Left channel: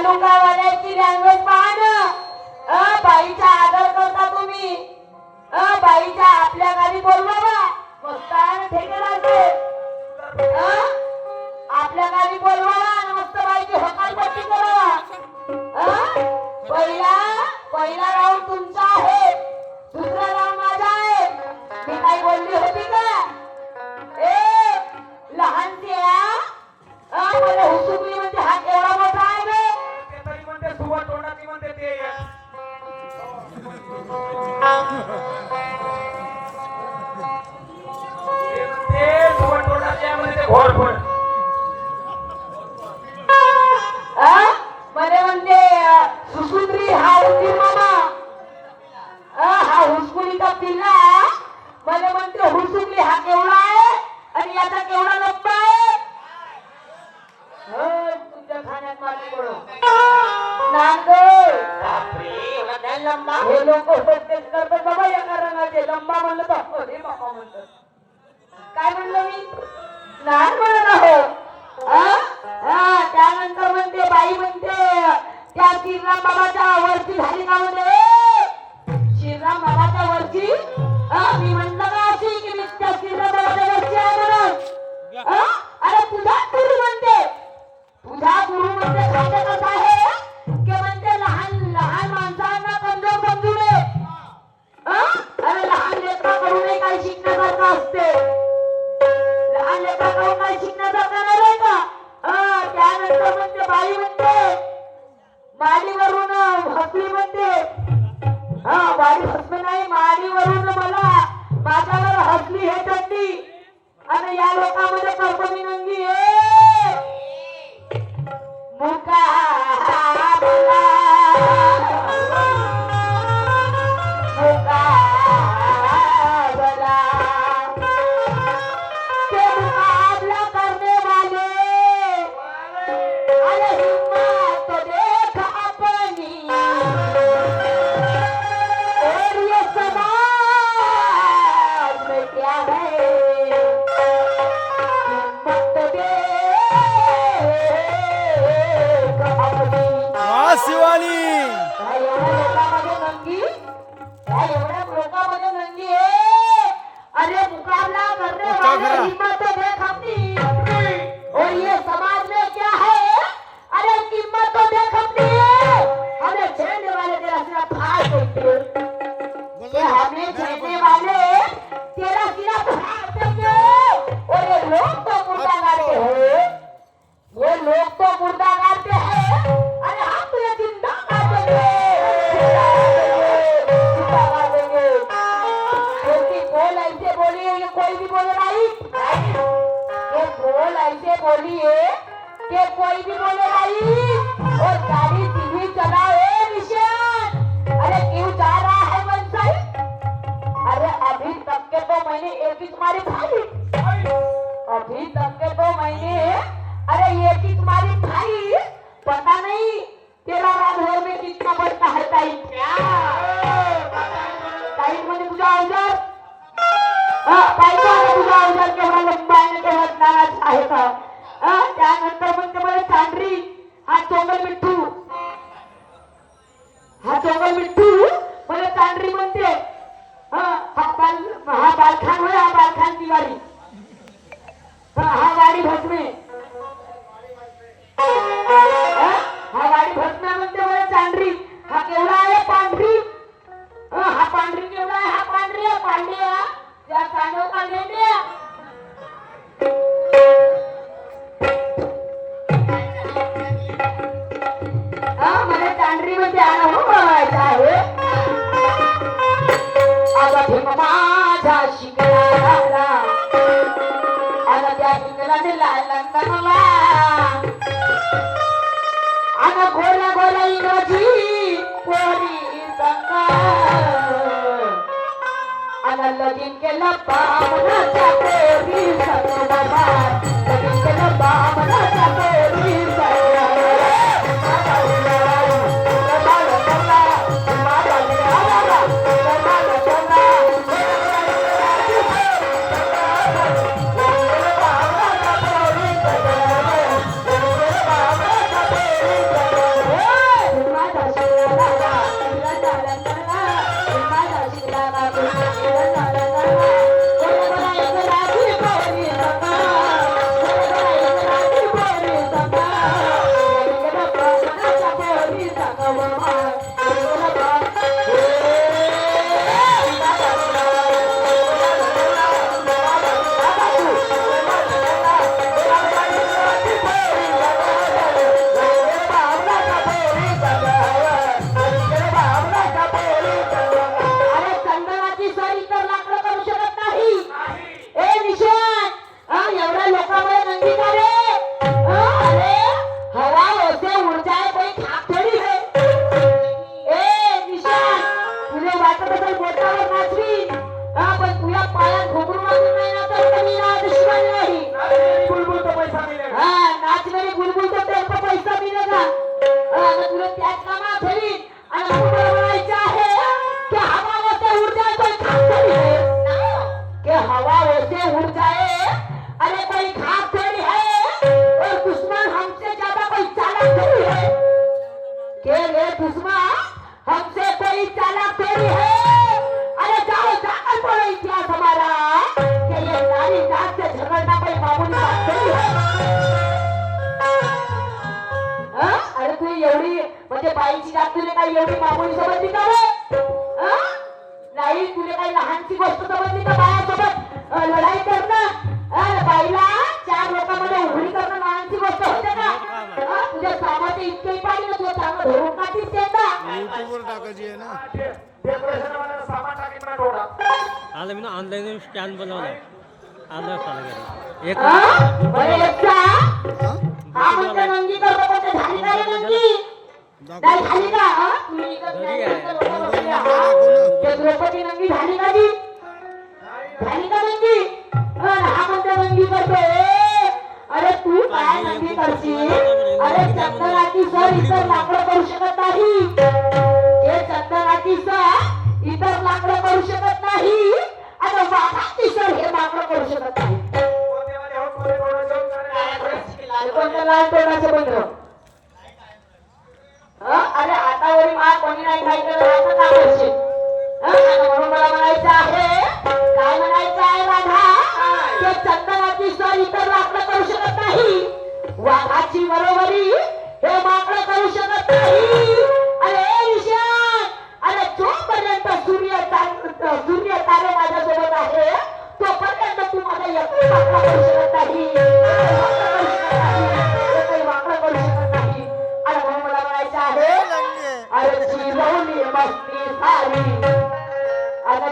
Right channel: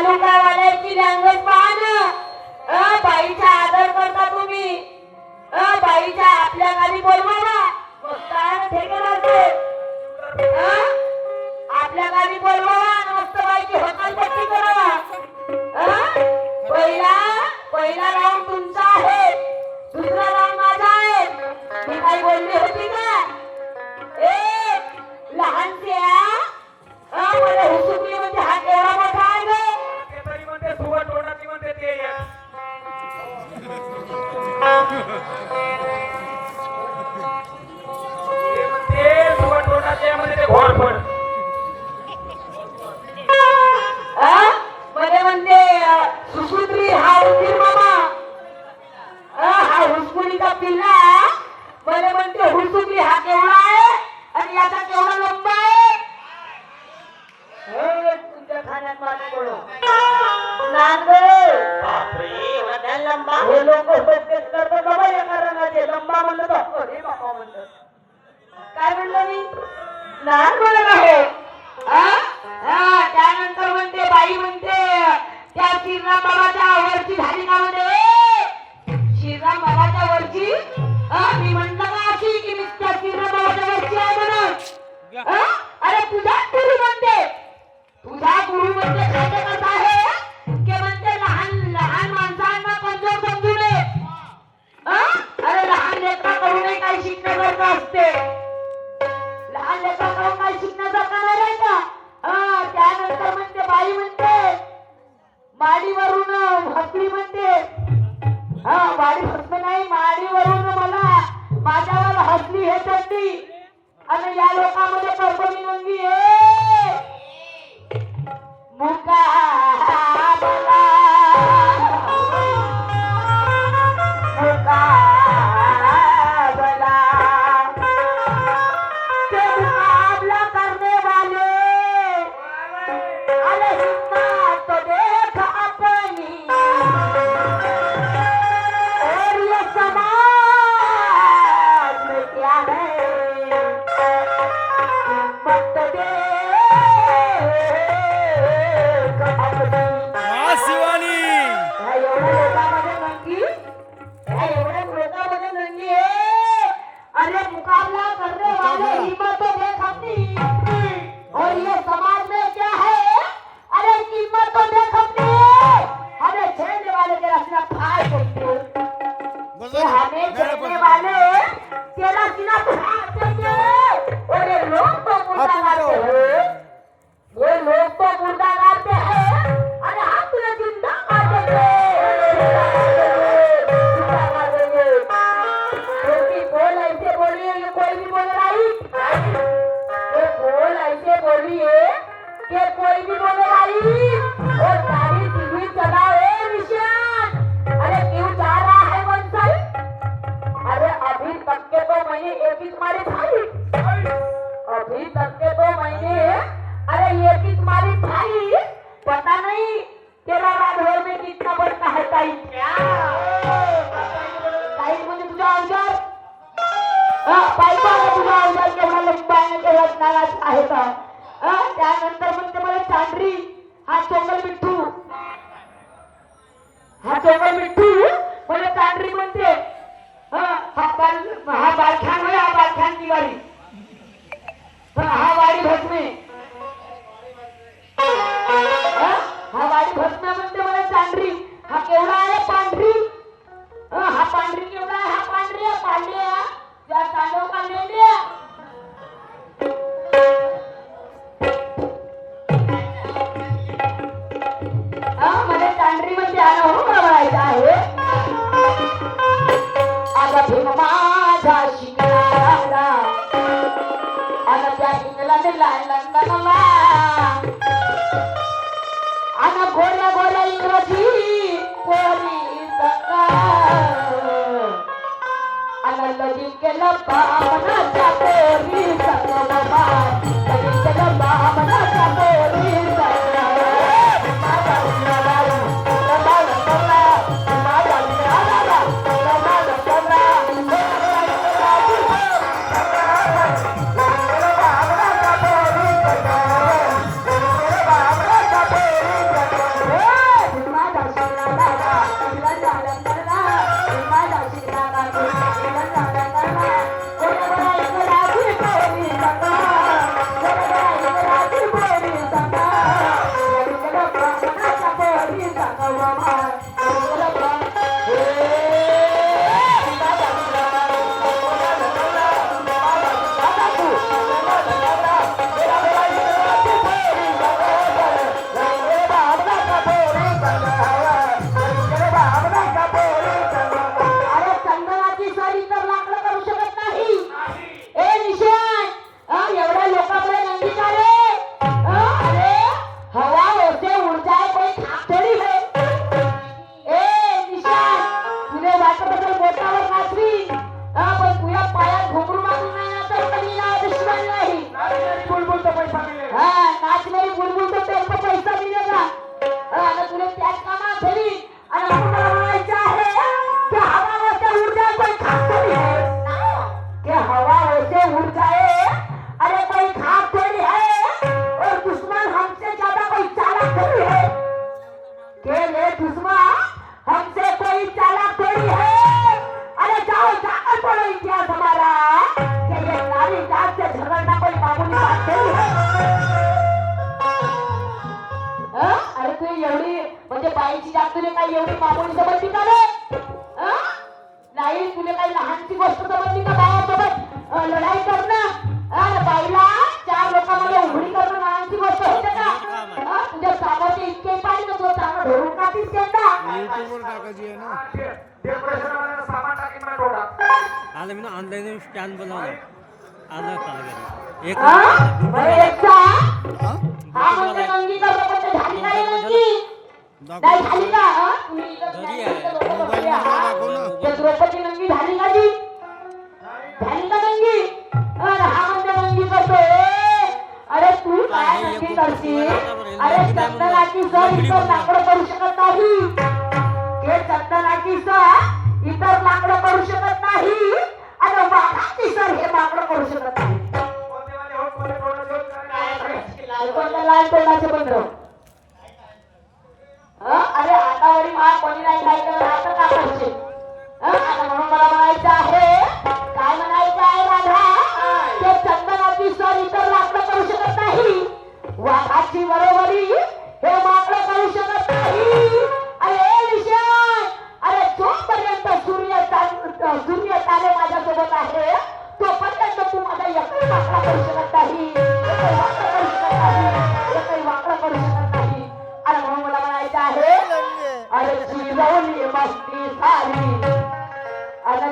तालुकावाल्याची language पहा ना. अ, बाईचा आदर करता तुम्ही. अ, बाईचा आपल्या गावी बोलवावा. वस्तान ठेकेदारचे आपल्या गावी बोलवावा आणि मस्त बाईची हकालपट्टी करावा. पहिला पहिला राऊंड तुमचा आहे. दुसरा राऊंड माझा आहे. मी काय बोलली होती का? ए लहानच्या अ, मला हुसुकली म्हणजे मला म्हणते अ, हा उंदीर मामा हा हुसकुलीचा किल्ला मला म्हणते हुसुकली हा केवढा आहे? आणि याचा केवढा लंबा आहे? एवढ्या लोकांमध्ये आहे अरे मुकाबला करने वाले हिम्मत देख अपनी और ये समाज में क्या है? अरे कीमत तो देख अपनी हमें छेड़ने वाले तेरा सीना फाड़ देंगे हमें छेड़ने वाले तेरा सीना फाड़ देंगे और ये लोग तो मुर्दा गाड़ते हैं. ये लोग तो मुर्दा गाड़ते हैं. लंबा आहे आहे का? त्यानंतर मग तुम्हाला चांदरी हा चोंगल मिठ्ठू. हा चोंगल मिठ्ठू म्हणजे चांदरी म्हणते. हा बाल हा बालखान होय हा बालखान तिवारी. पण हा वाडी भस्मे. हा वाडी भस्मे म्हणते मला चांदरी. हा केवढा आहे पांढरी? हा पांढरी केवढा आहे? हा पांढरी आहे पांढरी आहे. त्या तांडव केलं बामणाच्या पोरी संग के ले दुश्मन हमसे कोई थोड़ी है। अरे जाओ जाकर बोलो इतिहास हमारा। ये नारी जात से झगड़ना कोई मामूली बात है। अरे तू एवढी म्हणजे बाईची जात तुला काही एवढी मामूली समजली का रे? नाही काही लहानची गोष्ट समजली का बायासोबत लढाई करणं बाईला लोकांमध्ये उघडी करणं नावांची गोष्ट का? तुझ्या चामाचे इतके पाणी का तुझ्या चामा धरून टाकीस त्यांना युट्यूबवर टाकायची आहे ना. आलं मी ना ऑनलाईन स्टॅन बनवलं आलं चालू गेलं एक झाली का झाली का? झाली का नंगी? हा अरे तू काय नक्की करशील अरे चंदनाची सर इतर लाकडं करू शकत नाही हे चंदनाची सर इतर लाकडं करू शकत नाही आता वाघाची सर हे लाकडं करू शकत नाही कोणत्या लहान तोंडाचे बंधन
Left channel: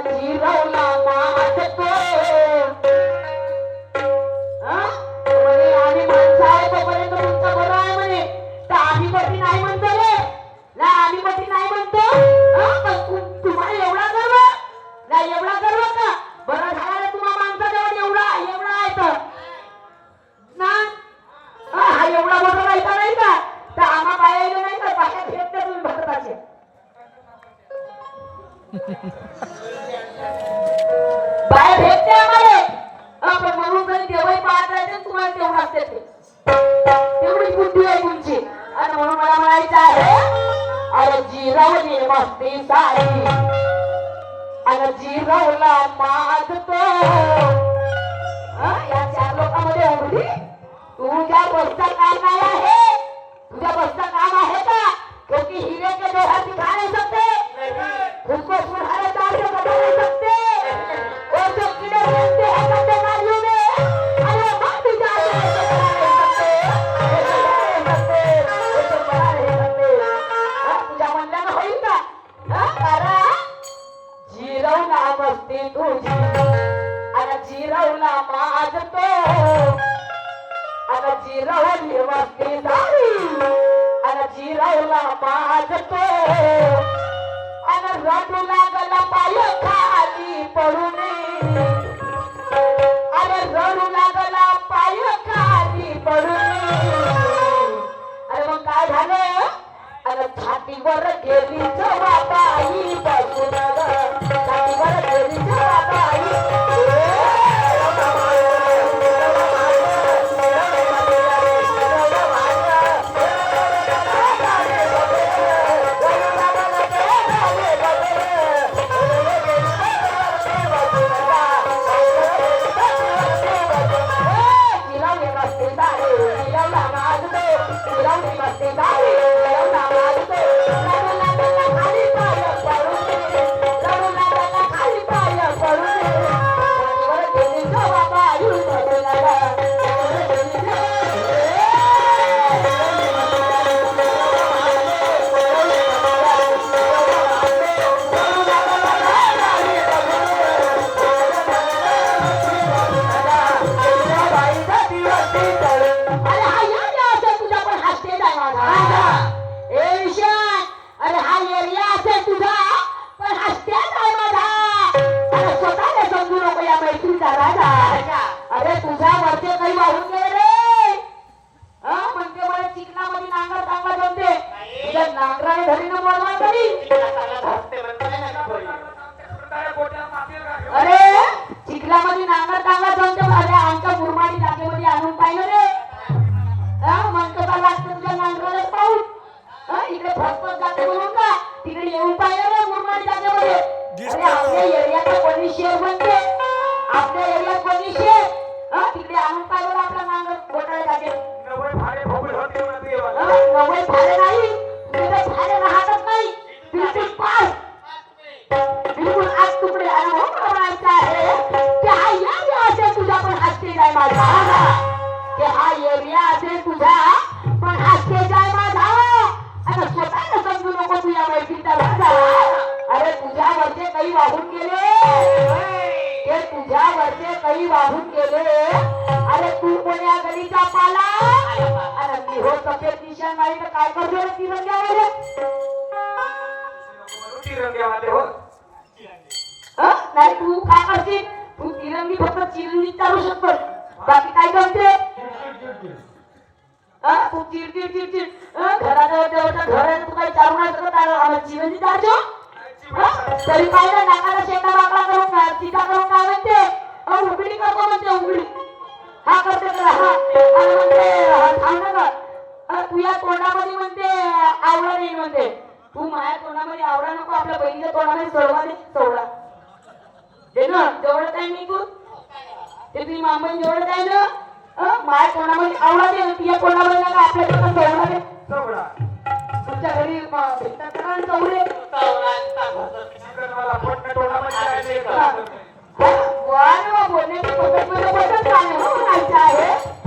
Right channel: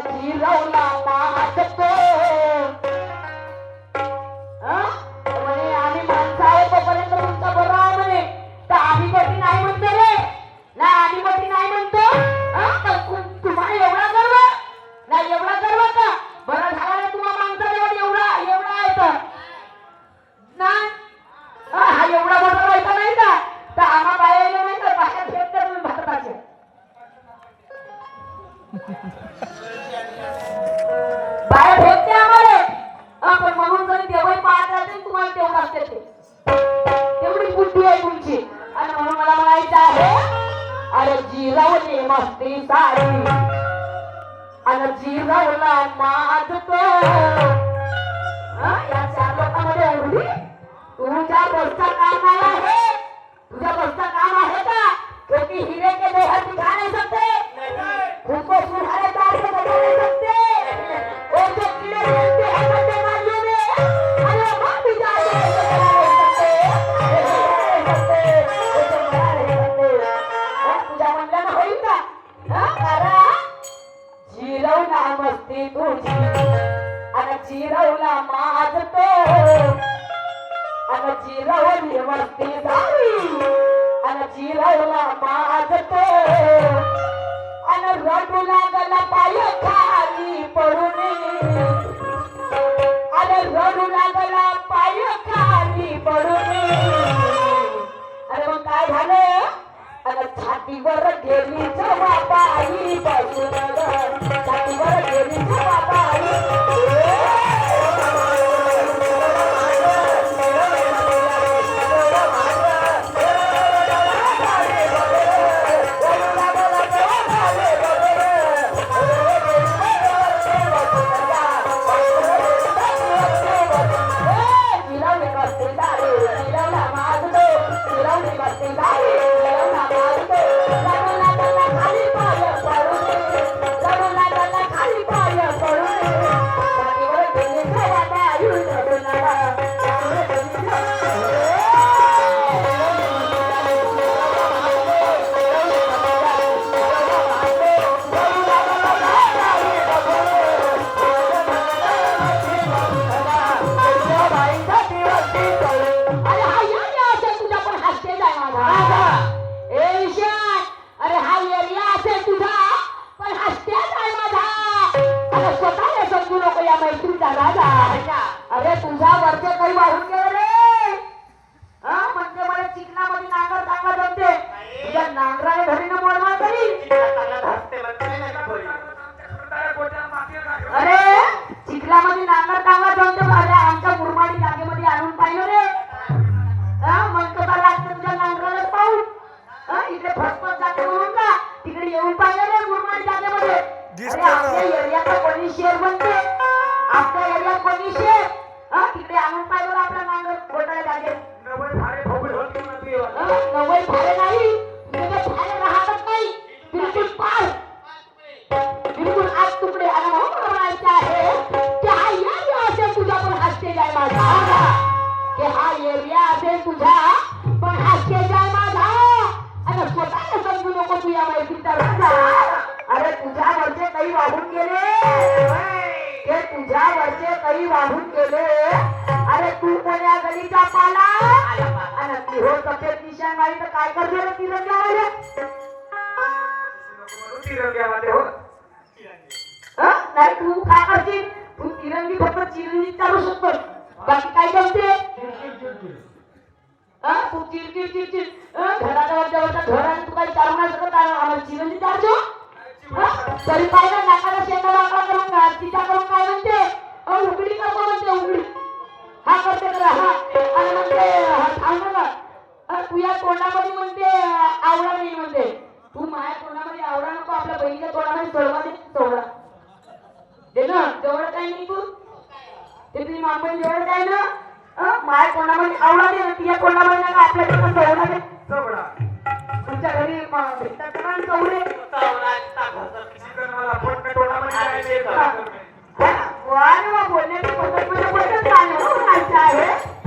हाती लावला मात तुझ्या बसचा काम आहे? तुझ्या बसचा काम आहे का? शेवटी हिरे के दोहर जिरावली मस्ती सारी. अन जिरावला माझ तो. अन रडू लागला पाय खाली पडून. अन रडू लागला पाय खाली पडून. अरे मग काय झालं? अन छातीवर गेली जवा बाई बसून छातीवर गेली जवा बाई स्टेज आहे माझा की हा एरिया असेल तुझा पण हा स्टेज आहे माझा आता स्वतःला समजू नको तुझ्या मैत्रीचा राजा अरे तुझ्यावरचे काही वाहून गेले. ते तुझ्यावरचे काही वाहून गेले. अरे तू कोण्या गलीचा पाला? आणि ती हो सफेद निशाण मारी तर काय करतो रे तिरंग्यामध्ये हो हं? नाही तू काय करशील? तू चिर चिर चिर चिर जवळच्या जाऊन आणि तू काही चालू नाही शकत. आम्हाला चिरंजी चालतो तरी काय ना नाकाला शेंडा वाकडा करून काय सीता करून काय म्हणते? उघडी करतो म्हणते उघडी हा करते करा हा. म्हणते हा, थांब ना गं. तोंडामध्ये म्हणते आवडा नाही म्हणते. तू माझ्या तोंडामध्ये आवडा नको आपल्या बहिणीच्या तोंडामध्ये सोडवा दे सोडा दे ना तेवढं काय नाही तू. ते तुझी मामून जेवढं काय ना माझ्या तोंडामध्ये आवडा दे ना तुझ्या तोंडामध्ये नका आपल्या दे चवडा तुमच्या घरी भेटतात का ना बोलण्याची पद्धत म्हणजे पद्धत काय हो म्हणायचं आहे.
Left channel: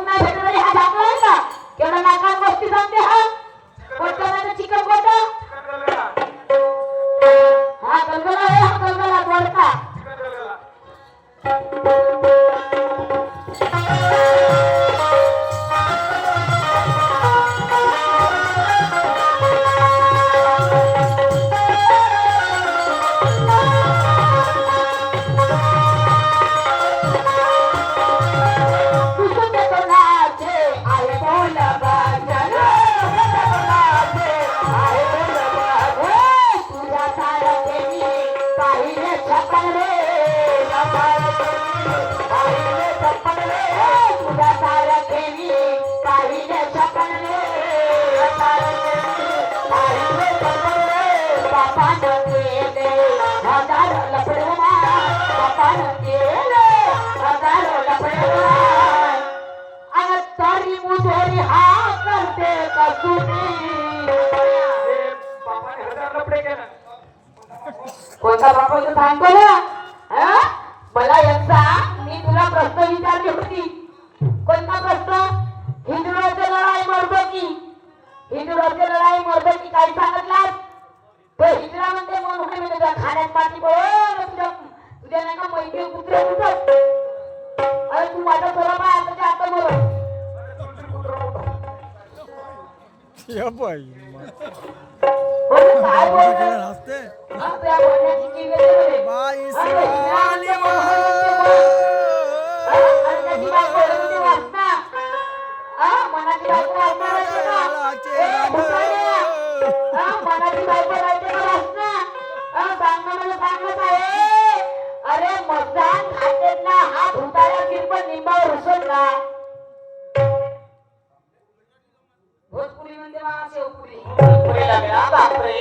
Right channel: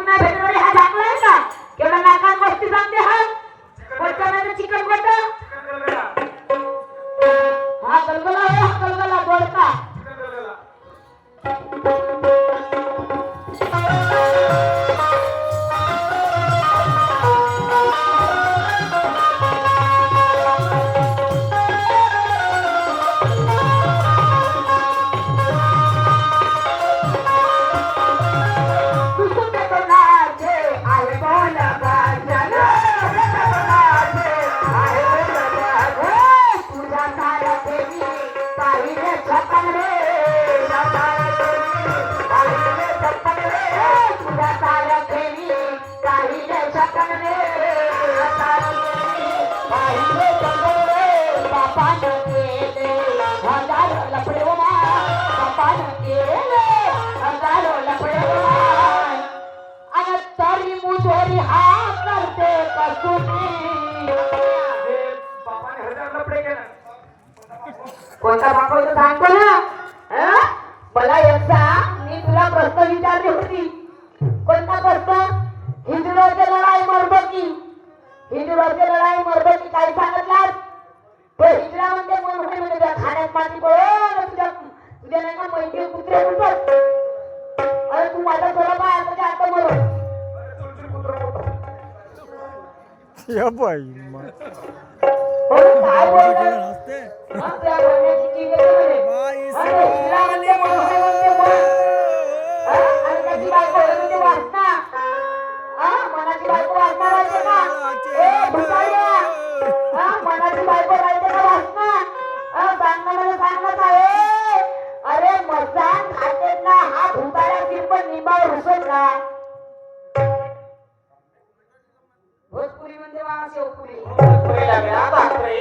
याला शेपूट नाही भेटत तरी हा झाकलाय का एवढा नाकात गोष्टी सांगते हा. कोणत्या नाही चिकन कोणता हा गलगला आहे हा गलगला दोडका कोणता इथं सांगतो ना? मला यांचा मी तुला प्रश्न विचारली होती. कोणता प्रश्न? हिंदुराचे लढाई मरबकी. हिंदुराचे लढाई मरबकी काय सांगितलास? तो हिंदुरा म्हणते मन होणे म्हणजे खाण्यात पाणी पडो तुझ्या तुझ्या नाही का मैत्री कुत्रे उठत अरे तू माझा स्वरूप आहे आता ते आता मरो अरे तुलतील कुत्रं मोठं. या बाई मा- हो ना, काय बोलणार हसते हा, त्या बोलण्याची की वेगळी आहे. बाई हा, ते हिंदुरा म्हणते मन होणे म्हणते मन. हा? अरे मसान खातेत ना हा भुताला किरपण निंबावर उसत ना. भोजपुरी म्हणजे मला शेवपुरी बापरे.